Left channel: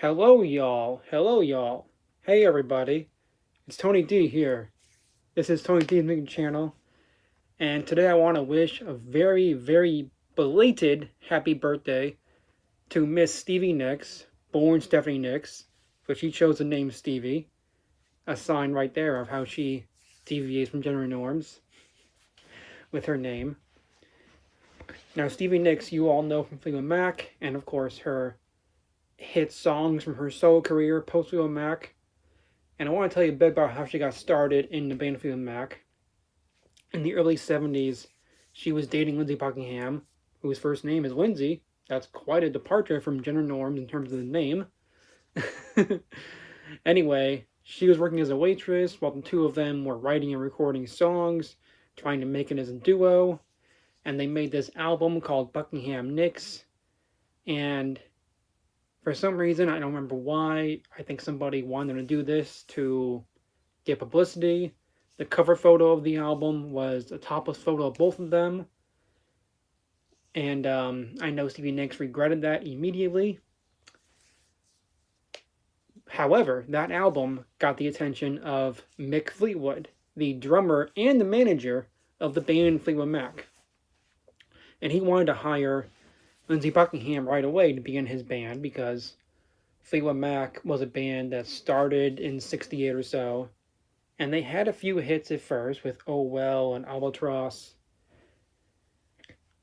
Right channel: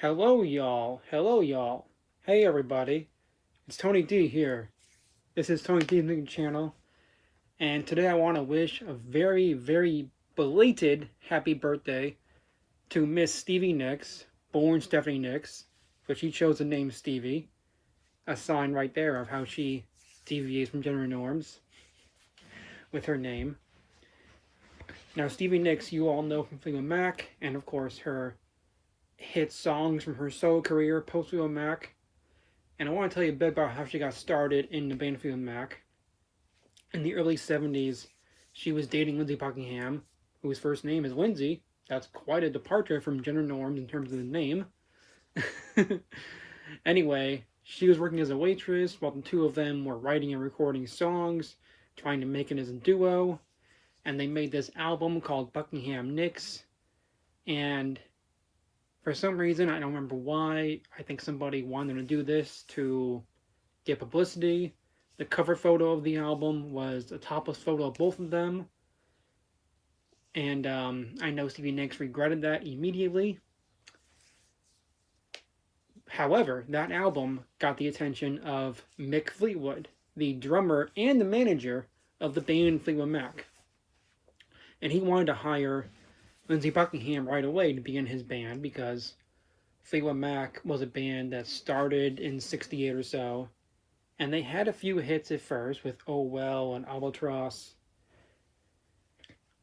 Hello, y'all. Hello, y'all. Hey, everybody. It's Tony D here. This is Tony D's new channel, and today I want to wish a very, very belated happy birthday to Miss Stevie Nicks, born Stephanie Nicks, but she chose the name Stevie, a sign right there of how she deviates from gender norms with her name. Now, Stevie Nicks, you all know from Fleetwood Mac, and of course her hit songs from her solo career post Fleetwood Mac. And I want to tell you a bit about how she got started in the band Fleetwood Mac. In the early 70s, she was dating Lindsey Buckingham, whose first name is Lindsay. That's quite a departure from gender norms in terms of the name. Anyway, she was working as a waitress while the two of them were writing and recording songs, trying to make it as a duo. And they made this album called Buckingham Nicks. And for some reason, I don't remember why, I think somebody wanted to do this to get publicity. The cover photo of the album was a topless photo of both of them. And I know Stevie Nicks regretted that immediately. However, that album got the attention of Mick Fleetwood, the drummer and the manager of the band Fleetwood Mac. And he wanted to hire Lindsey Buckingham right away to be in his band because Fleetwood Mac was a band that started in '68 or so, and they had a few hits at first with Oh Well and Albatross,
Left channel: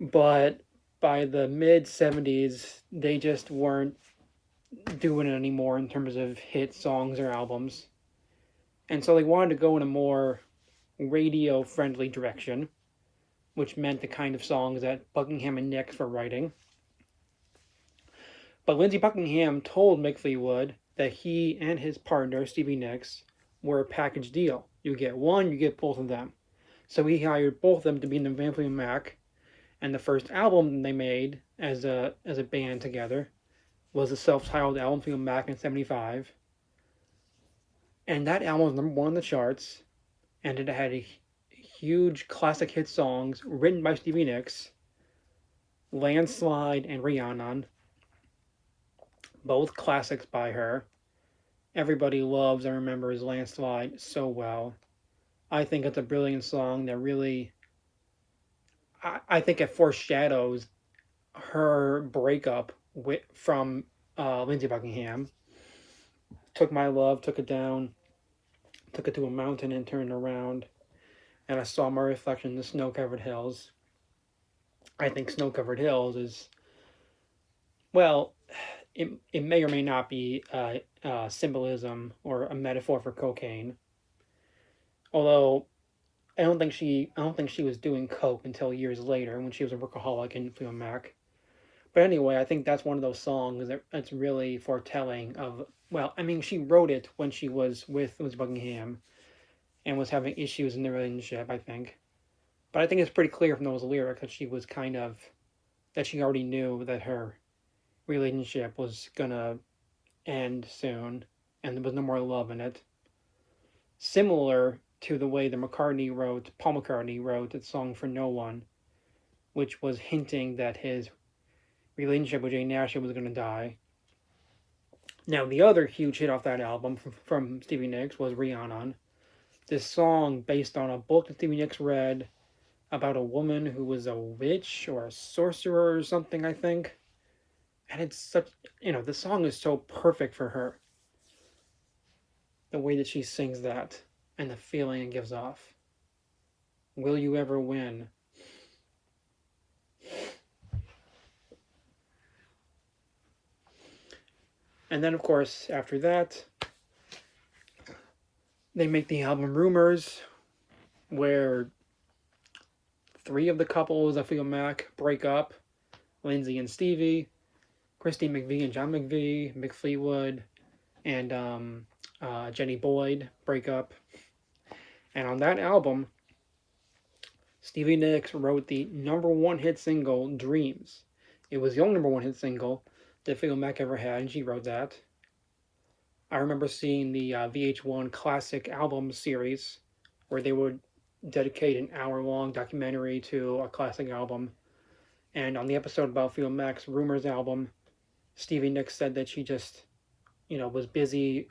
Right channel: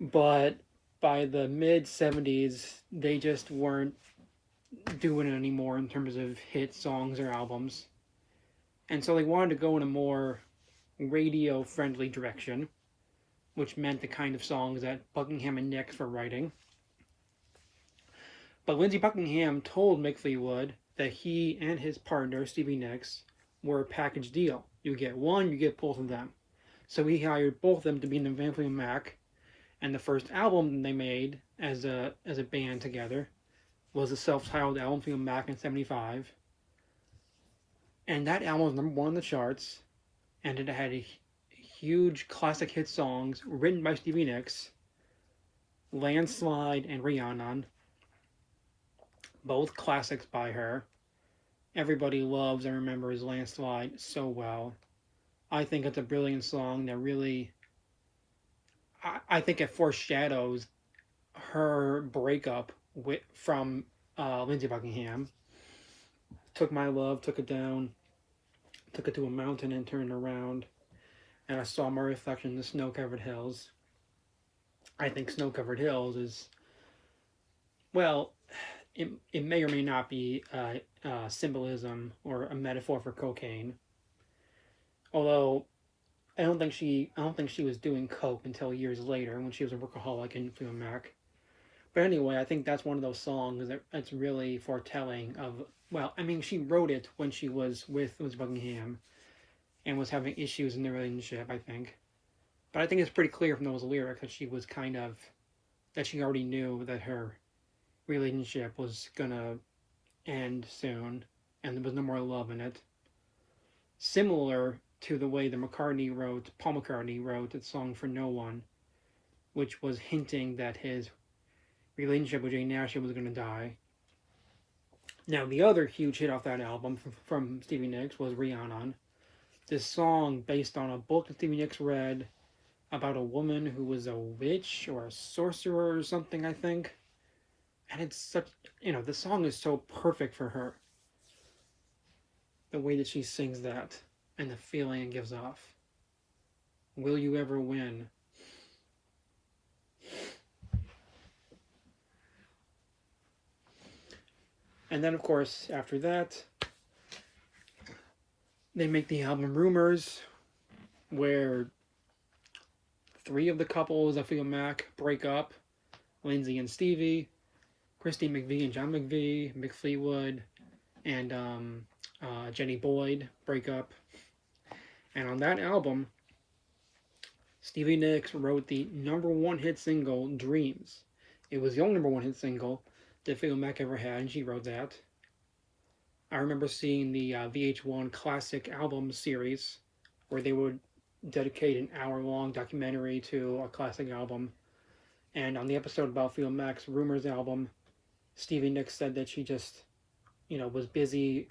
but by the mid '70s, they just weren't doing it anymore in terms of hit songs or albums. And so they wanted to go in a more radio friendly direction, which meant the kind of songs that Buckingham and Nicks were writing. But Lindsey Buckingham told Mick Fleetwood that he and his partner, Stevie Nicks, were a package deal. You get one, you get both of them. So he hired both of them to be in the Van Fleetwood Mac, and the first album they made as a band together was the self-titled album Fleetwood Mac in '75. And that album was #1 on the charts, and it had a huge classic hit songs written by Stevie Nicks, Landslide and Rhiannon, both classics by her. Everybody loves and remembers Landslide so well. I think it's a brilliant song that really, I think it foreshadows her breakup from Lindsey Buckingham. Took my love, took it down, took it to a mountain and turned around, and I saw my reflection in the snow-covered hills. I think snow-covered hills is, well, it may or may not be symbolism or a metaphor for cocaine. Although I don't think she was doing coke until years later when she was a workaholic in Fleetwood Mac. But anyway, I think that's one of those songs that's really foretelling of. Well, I mean, she wrote it when she was with Buckingham and was having issues in the relationship, I think. But I think it's pretty clear from those lyrics that she was that she already knew that her relationship was gonna end soon and there was no more love in it. Similar to the way Paul McCartney wrote the song For No One, which was hinting that his relationship with Jane Ashley was going to die. Now, the other huge hit off that album from Stevie Nicks was Rhiannon. This song based on a book that Stevie Nicks read about a woman who was a witch or a sorcerer or something, I think. And it's such, the song is so perfect for her. The way that she sings that and the feeling it gives off. Will you ever win? And then, of course, after that, they make the album Rumors, where 3 of the couples of Fleetwood Mac break up. Lindsay and Stevie, Christine McVie and John McVie, Mick Fleetwood, and Jenny Boyd break up. And on that album, Stevie Nicks wrote the #1 hit single, Dreams. It was the only #1 hit single that Fleetwood Mac ever had, and she wrote that. I remember seeing the VH1 Classic Album series, where they would dedicate an hour-long documentary to a classic album. And on the episode about Fleetwood Mac's Rumors album, Stevie Nicks said that she just was busy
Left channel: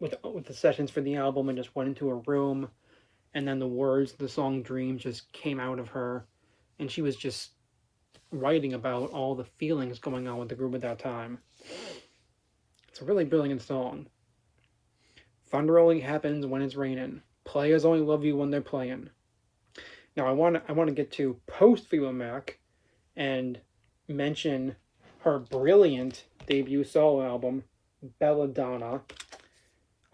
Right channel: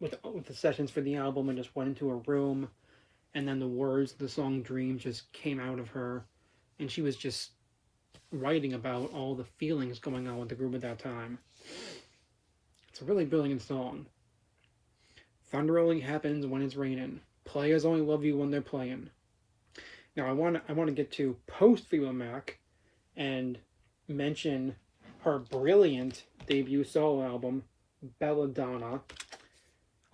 with the sessions for the album and just went into a room, and then the words, the song "Dream" just came out of her, and she was just writing about all the feelings going on with the group at that time. It's a really brilliant song. Thunder only happens when it's raining. Players only love you when they're playing. Now I want to get to post Fleetwood Mac and mention her brilliant debut solo album, Belladonna.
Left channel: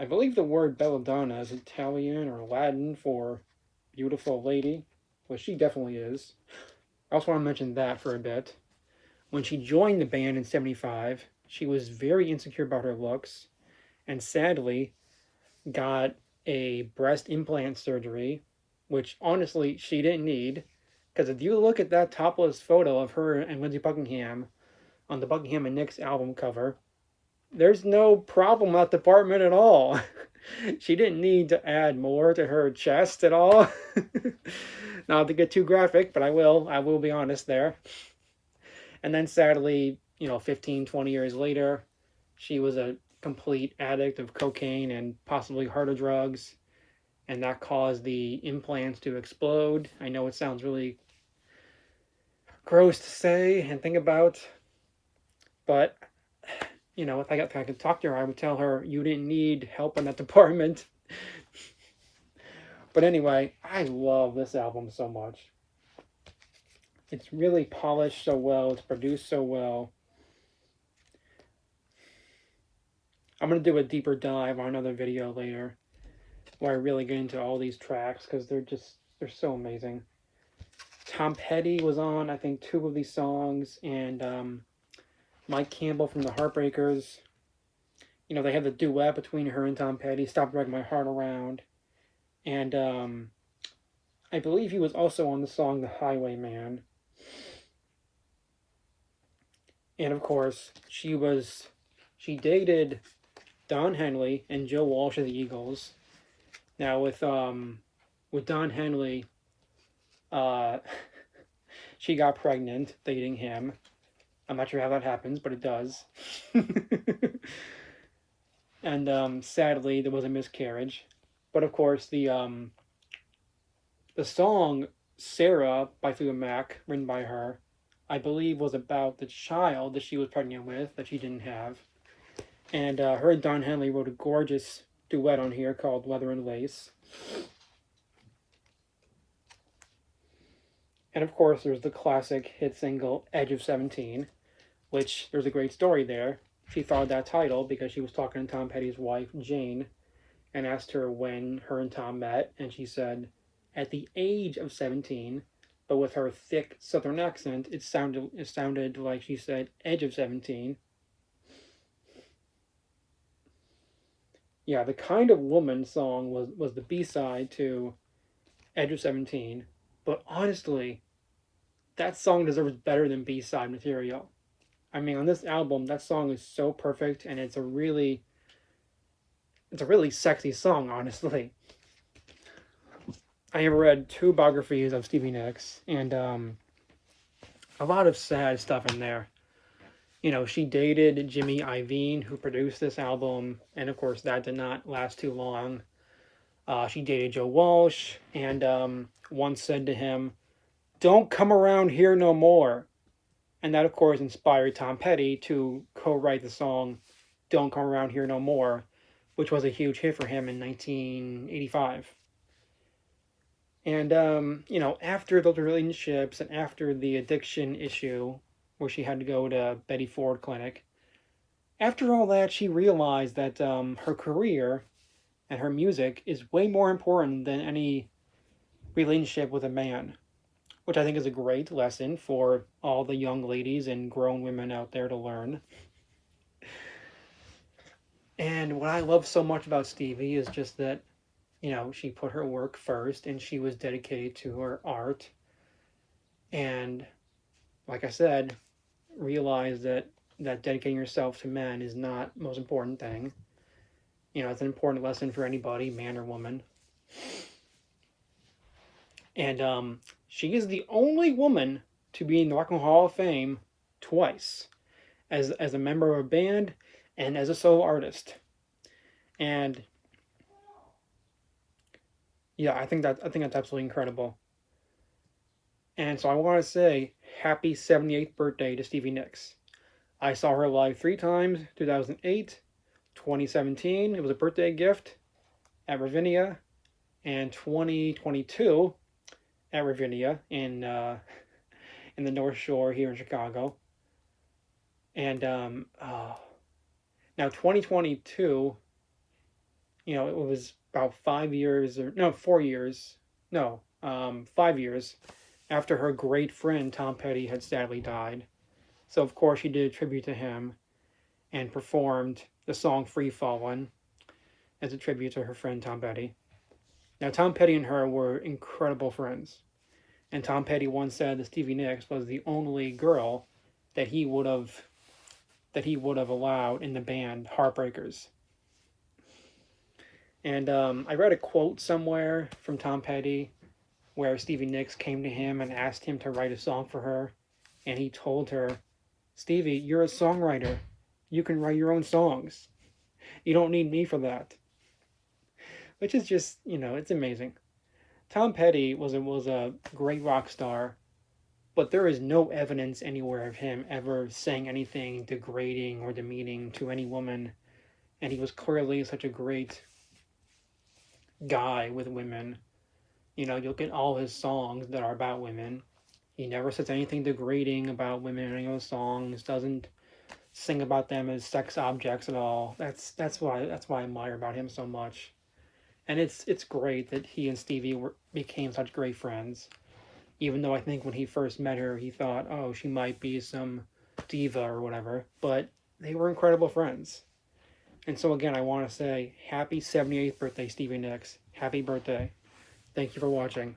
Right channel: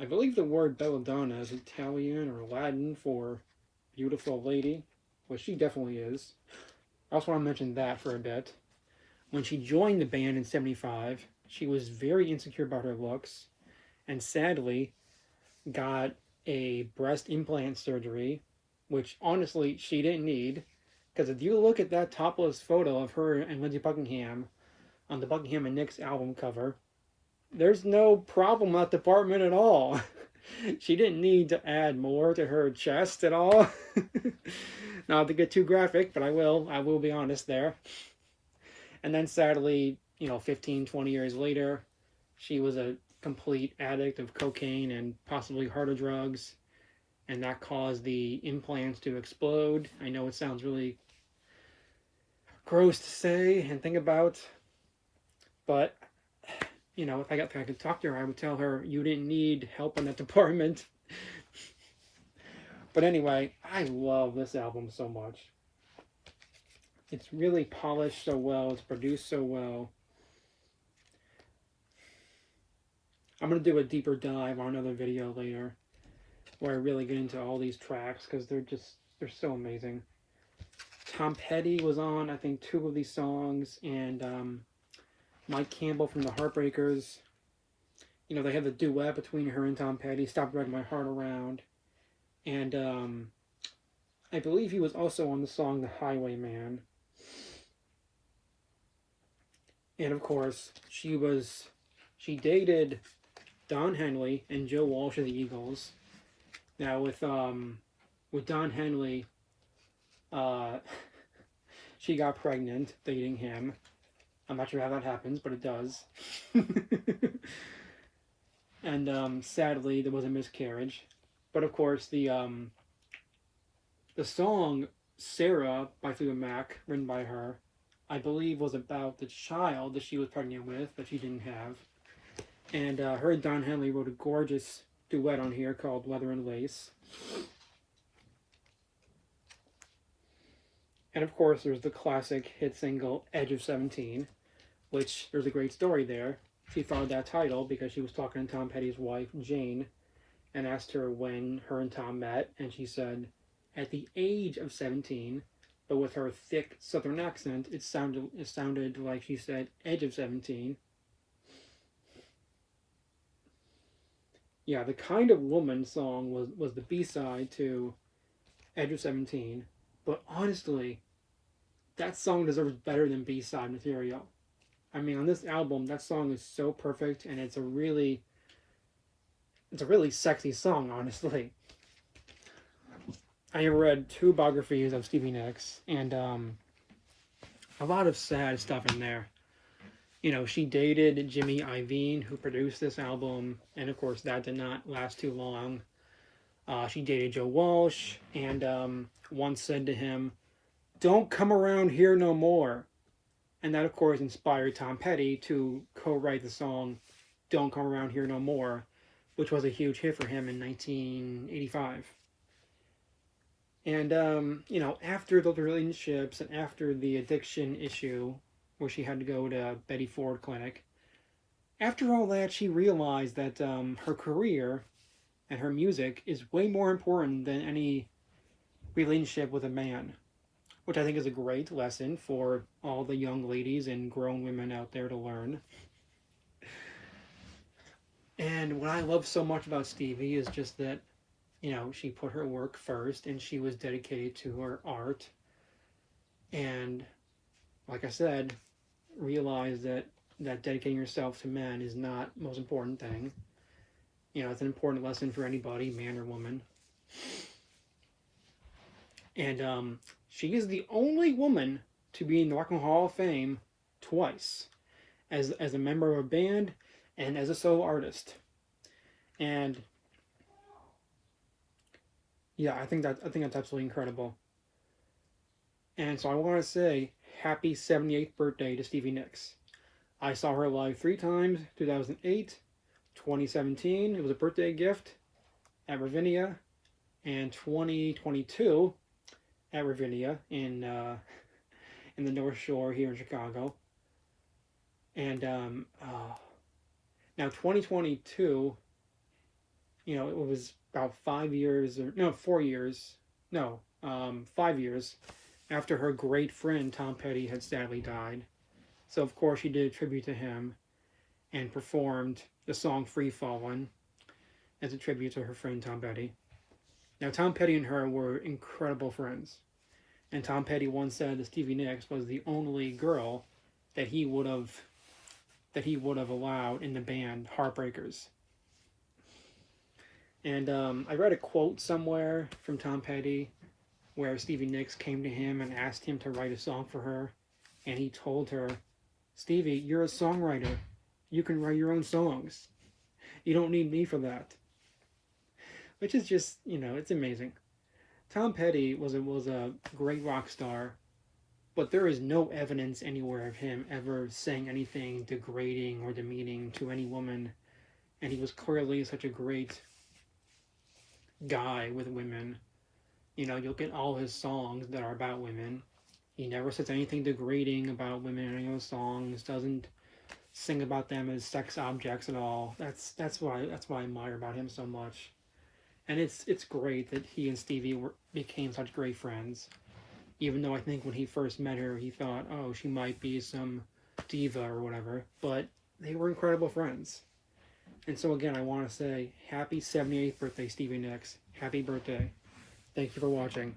I believe the word belladonna is Italian or Latin for beautiful lady, which she definitely is. I also want to mention that for a bit. When she joined the band in '75, she was very insecure about her looks and sadly got a breast implant surgery, which honestly she didn't need. Because if you look at that topless photo of her and Lindsey Buckingham on the Buckingham and Nicks album cover, there's no problem with that department at all. She didn't need to add more to her chest at all. Not to get too graphic, but I will. I will be honest there. And then sadly, 15, 20 years later, she was a complete addict of cocaine and possibly harder drugs. And that caused the implants to explode. I know it sounds really gross to say and think about, but if I could talk to her, I would tell her you didn't need help in that department. But anyway, I love this album so much. It's really polished so well. It's produced so well. I'm going to do a deeper dive on another video later where I really get into all these tracks because they're so amazing. Tom Petty was on, I think, 2 of these songs, and Mike Campbell from the Heartbreakers. They have the duet between her and Tom Petty, Stop Dragging My Heart Around. And I believe he was also on the song The Highwayman. And of course, she dated Don Henley and Joe Walsh of the Eagles. Now with Don Henley, she got pregnant dating him. I'm not sure how that happens, but it does. And sadly, there was a miscarriage. But of course, the song "Sarah" by Fleetwood Mac, written by her, I believe was about the child that she was pregnant with that she didn't have. And her and Don Henley wrote a gorgeous duet on here called "Leather and Lace." And of course, there's the classic hit single "Edge of 17," which there's a great story there. She thought of that title because she was talking to Tom Petty's wife, Jane, and asked her when her and Tom met, and she said, at the age of 17, but with her thick southern accent, it sounded like she said edge of 17. Yeah, the Kind of Woman song was the B-side to Edge of 17, but honestly, that song deserves better than B-side material. I mean, on this album, that song is so perfect, and it's a really sexy song, honestly. I have read 2 biographies of Stevie Nicks, and a lot of sad stuff in there. She dated Jimmy Iovine, who produced this album, and of course that did not last too long. She dated Joe Walsh, and once said to him, "Don't come around here no more." And that, of course, inspired Tom Petty to co-write the song "Don't Come Around Here No More," which was a huge hit for him in 1985. And, after those relationships and after the addiction issue, where she had to go to Betty Ford Clinic, after all that, she realized that her career and her music is way more important than any relationship with a man, which I think is a great lesson for all the young ladies and grown women out there to learn. And what I love so much about Stevie is just that, she put her work first and she was dedicated to her art. And like I said, realized that dedicating yourself to men is not the most important thing. It's an important lesson for anybody, man or woman. And she is the only woman to be in the Rock and Roll Hall of Fame twice, as a member of a band and as a solo artist. And yeah, I think that's absolutely incredible. And so I want to say happy 78th birthday to Stevie Nicks. I saw her live 3 times, 2008, 2017. It was a birthday gift at Ravinia, and 2022 at Ravinia in the North Shore here in Chicago. And now 2022, it was about 5 years or no 4 years, no 5 years after her great friend Tom Petty had sadly died. So of course she did a tribute to him and performed the song "Free Fallin'" as a tribute to her friend Tom Petty. Now Tom Petty and her were incredible friends, and Tom Petty once said that Stevie Nicks was the only girl that he would have allowed in the band Heartbreakers. And I read a quote somewhere from Tom Petty where Stevie Nicks came to him and asked him to write a song for her, and he told her, "Stevie, you're a songwriter. You can write your own songs. You don't need me for that." Which is just, it's amazing. Tom Petty was a great rock star, but there is no evidence anywhere of him ever saying anything degrading or demeaning to any woman, and he was clearly such a great guy with women. You look at all his songs that are about women. He never says anything degrading about women in any of his songs. Doesn't sing about them as sex objects at all. That's why I admire about him so much. And it's great that he and Stevie became such great friends. Even though I think when he first met her, he thought, oh, she might be some diva or whatever. But they were incredible friends. And so again, I want to say happy 78th birthday, Stevie Nicks. Happy birthday. Thank you for watching.